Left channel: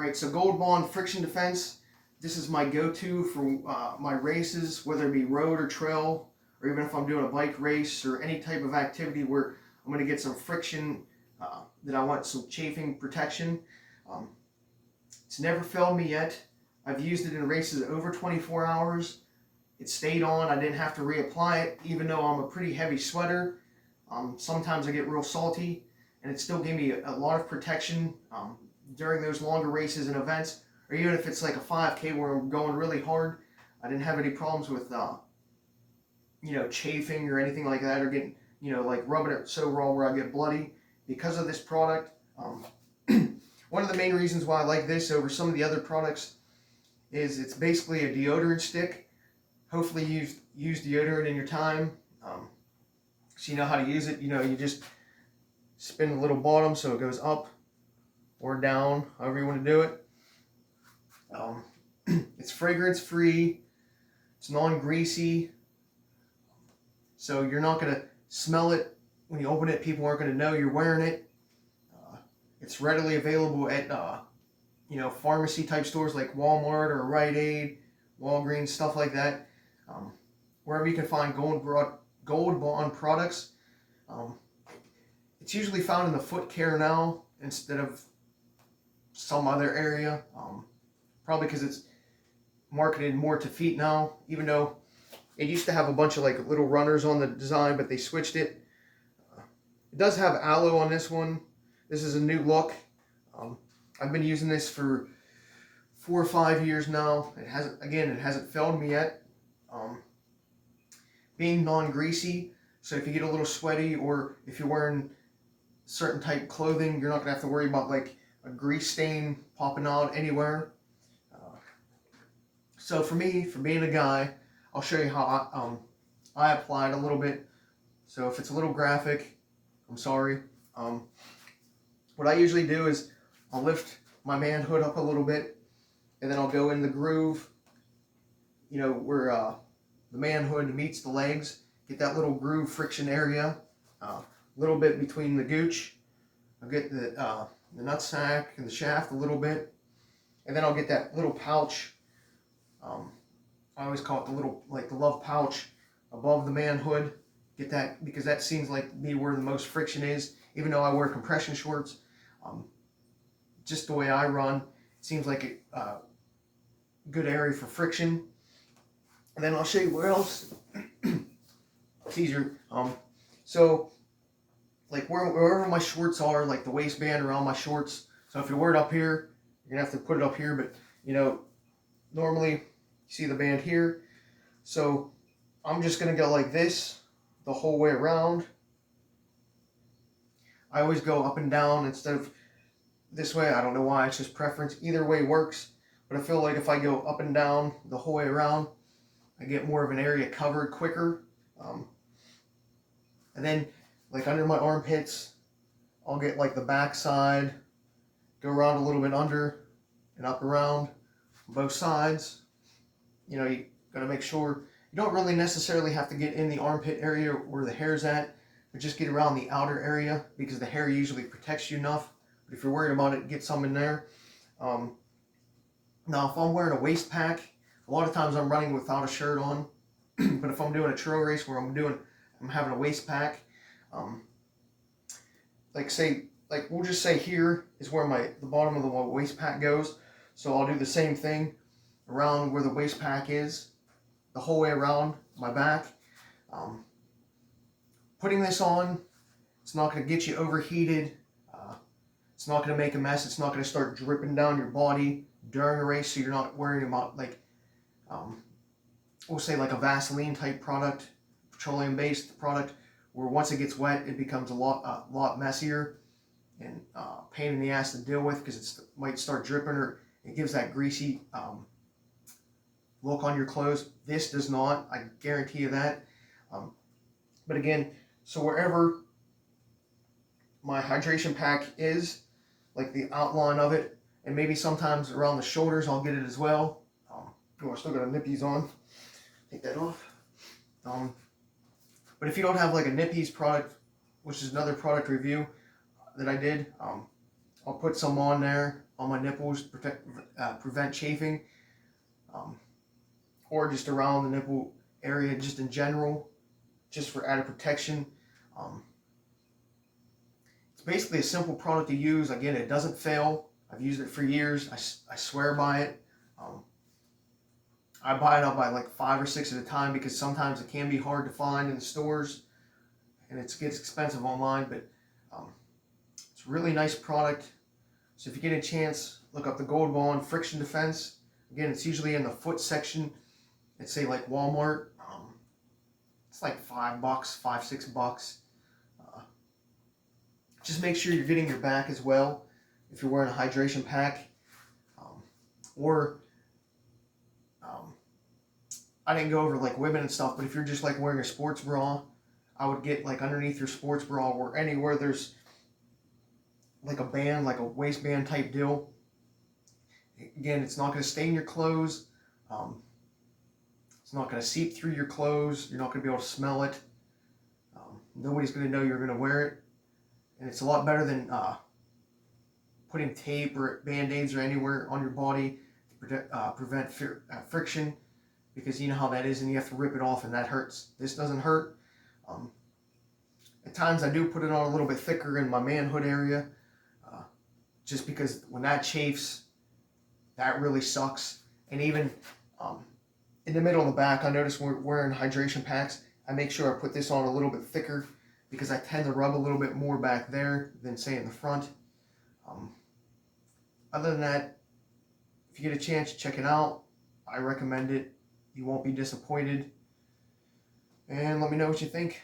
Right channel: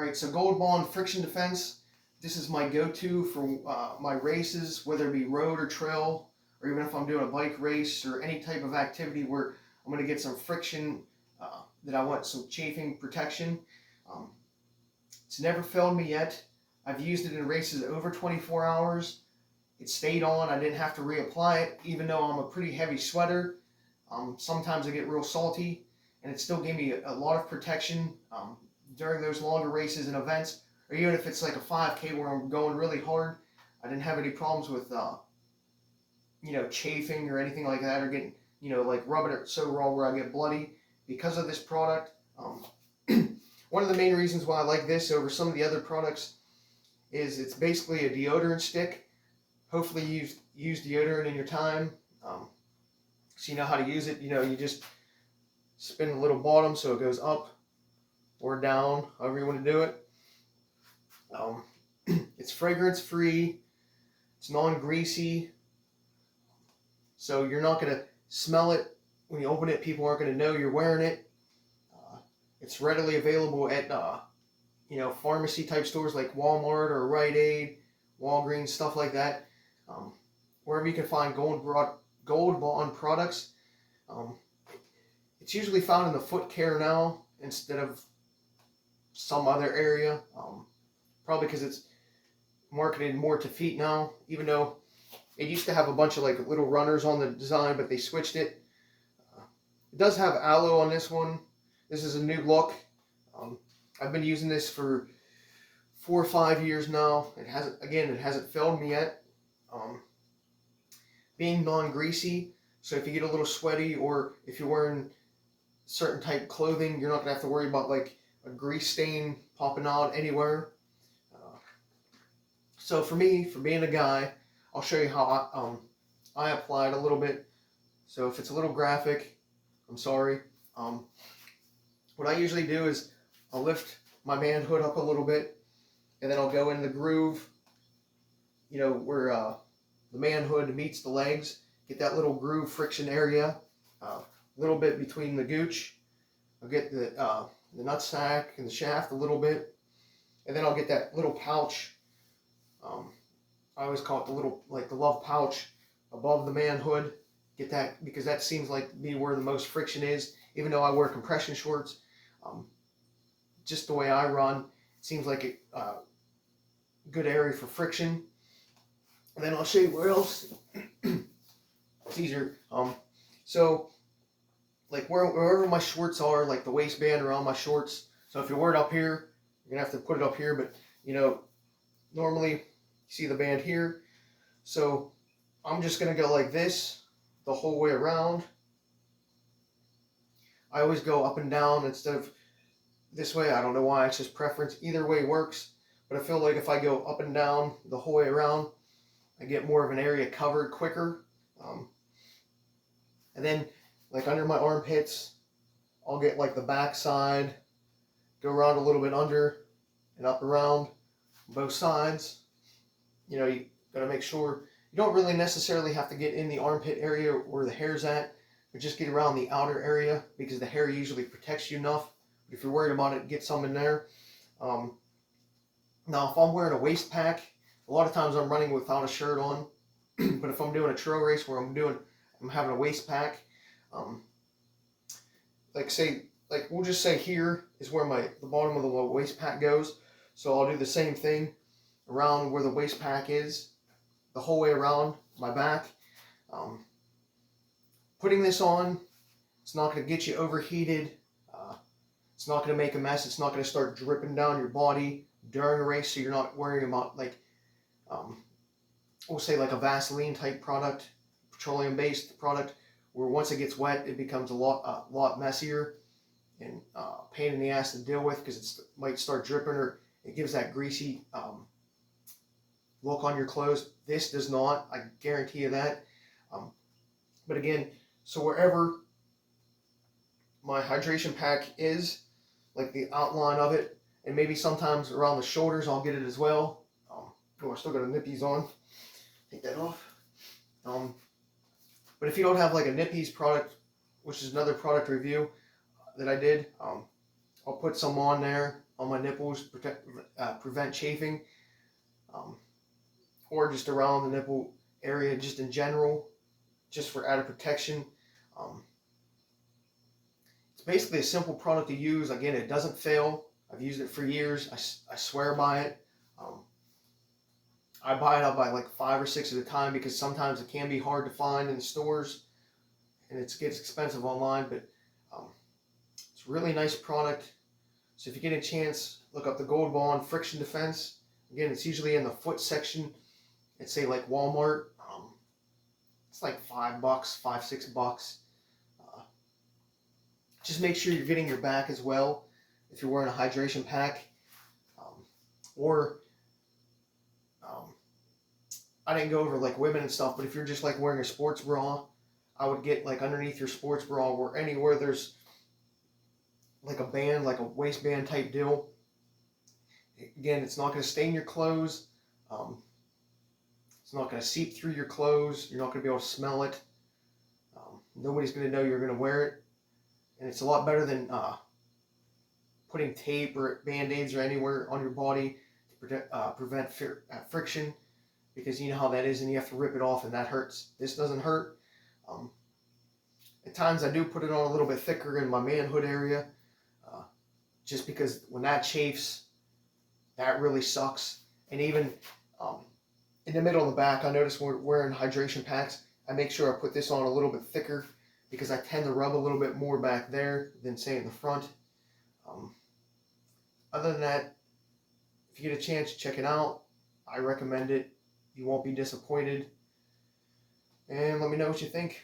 Alright, so Gold Bond Friction Defense. This is my go-to for my races, whether it be road or trail, or even if I'm doing a bike race or any type of activity where I'm going to get some friction, that I want some chafing protection. Um, it's never failed me yet. I've used it in races over 24 hours. It stayed on. I didn't have to reapply it, even though I'm a pretty heavy sweater. Sometimes I get real salty, and it still gave me a lot of protection during those longer races and events, or even if it's like a 5K where I'm going really hard. I didn't have any problems with chafing or anything like that, or getting like rubbing it so raw where I get bloody because of this product. One of the main reasons why I like this over some of the other products is it's basically a deodorant stick. Hopefully you've used deodorant in your time, so you know how to use it. You just spin the little bottom so it goes up or down, however you want to do it. It's fragrance free, it's non-greasy, so you're not going to smell it when you open it. People aren't going to know you're wearing it. It's readily available at pharmacy type stores like Walmart or Rite Aid, Walgreens, stuff like that. Wherever you can find Gold Bond products. It's usually found in the foot care now instead of some other area. Probably because it's marketed more to feet now, even though it used to have a bunch of like little runners on the design, but they switched it. It does have aloe on this one. This is a new look. I've been using this for 4 or 5 years now. It hasn't failed me yet. Being non-greasy, so if you get a little sweaty or if you're wearing certain type clothing, you're not gonna have to worry about like a grease stain popping out anywhere. So for me, for being a guy, I'll show you how I apply it a little bit. So if it's a little graphic, I'm sorry. What I usually do is I'll lift my manhood up a little bit, and then I'll go in the groove, where the manhood meets the legs. Get that little groove friction area, a little bit between the gooch. I'll get the nutsack and the shaft a little bit, and then I'll get that little pouch. I always call it the love pouch above the manhood. Get that, because that seems like to be where the most friction is. Even though I wear compression shorts, just the way I run, it seems like a good area for friction. And then I'll show you where else it's easier. So like wherever my shorts are, like the waistband around my shorts. So if you wear it up here, you're gonna have to put it up here. But normally you see the band here. So I'm just gonna go like this the whole way around. I always go up and down instead of this way. I don't know why, it's just preference. Either way works. But I feel like if I go up and down the whole way around, I get more of an area covered quicker. And then like under my armpits, I'll get like the back side, go around a little bit under and up around both sides. You gotta make sure you don't really necessarily have to get in the armpit area where the hair's at, but just get around the outer area because the hair usually protects you enough. But if you're worried about it, get some in there. Now if I'm wearing a waist pack, a lot of times I'm running without a shirt on. But if I'm doing a trail race where I'm having a waist pack, we'll just say here is where the bottom of the waist pack goes. So I'll do the same thing around where the waist pack is, the whole way around my back. Putting this on, it's not going to get you overheated. It's not going to make a mess. It's not going to start dripping down your body during a race, so you're not worrying about we'll say like a Vaseline type product, petroleum based product, where once it gets wet it becomes a lot messier and pain in the ass to deal with because it might start dripping, or it gives that greasy look on your clothes. This does not, I guarantee you that. But again, so wherever my hydration pack is, like the outline of it, and maybe sometimes around the shoulders I'll get it as well. I still got a nippies on. Take that off. But if you don't have like a Nippies product, which is another product review that I did, I'll I'll put some on there on my nipples, prevent chafing, or just around the nipple area, just in general, just for added protection. It's basically a simple product to use. Again, it doesn't fail. I've used it for years. I swear by it. I buy it, I'll buy like 5 or 6 at a time because sometimes it can be hard to find in the stores and it gets expensive online, but it's a really nice product. So if you get a chance, look up the Gold Bond Friction Defense. Again, it's usually in the foot section. It's say like Walmart. It's like $5, $5-6. Just make sure you're getting your back as well if you're wearing a hydration pack. Or I didn't go over like women and stuff, but if you're just like wearing a sports bra, I would get like underneath your sports bra or anywhere there's like a band, like a waistband type deal. Again, it's not going to stain your clothes. It's not going to seep through your clothes. You're not going to be able to smell it. Nobody's going to know you're going to wear it. And it's a lot better than putting tape or band-aids or anywhere on your body to prevent friction, because you know how that is and you have to rip it off and that hurts. This doesn't hurt. At times I do put it on a little bit thicker in my manhood area, just because when that chafes, that really sucks. And even in the middle of the back, I notice when we're wearing hydration packs, I make sure I put this on a little bit thicker because I tend to rub a little bit more back there than say in the front. Other than that, if you get a chance, check it out. I recommend it. You won't be disappointed. And let me know what you think.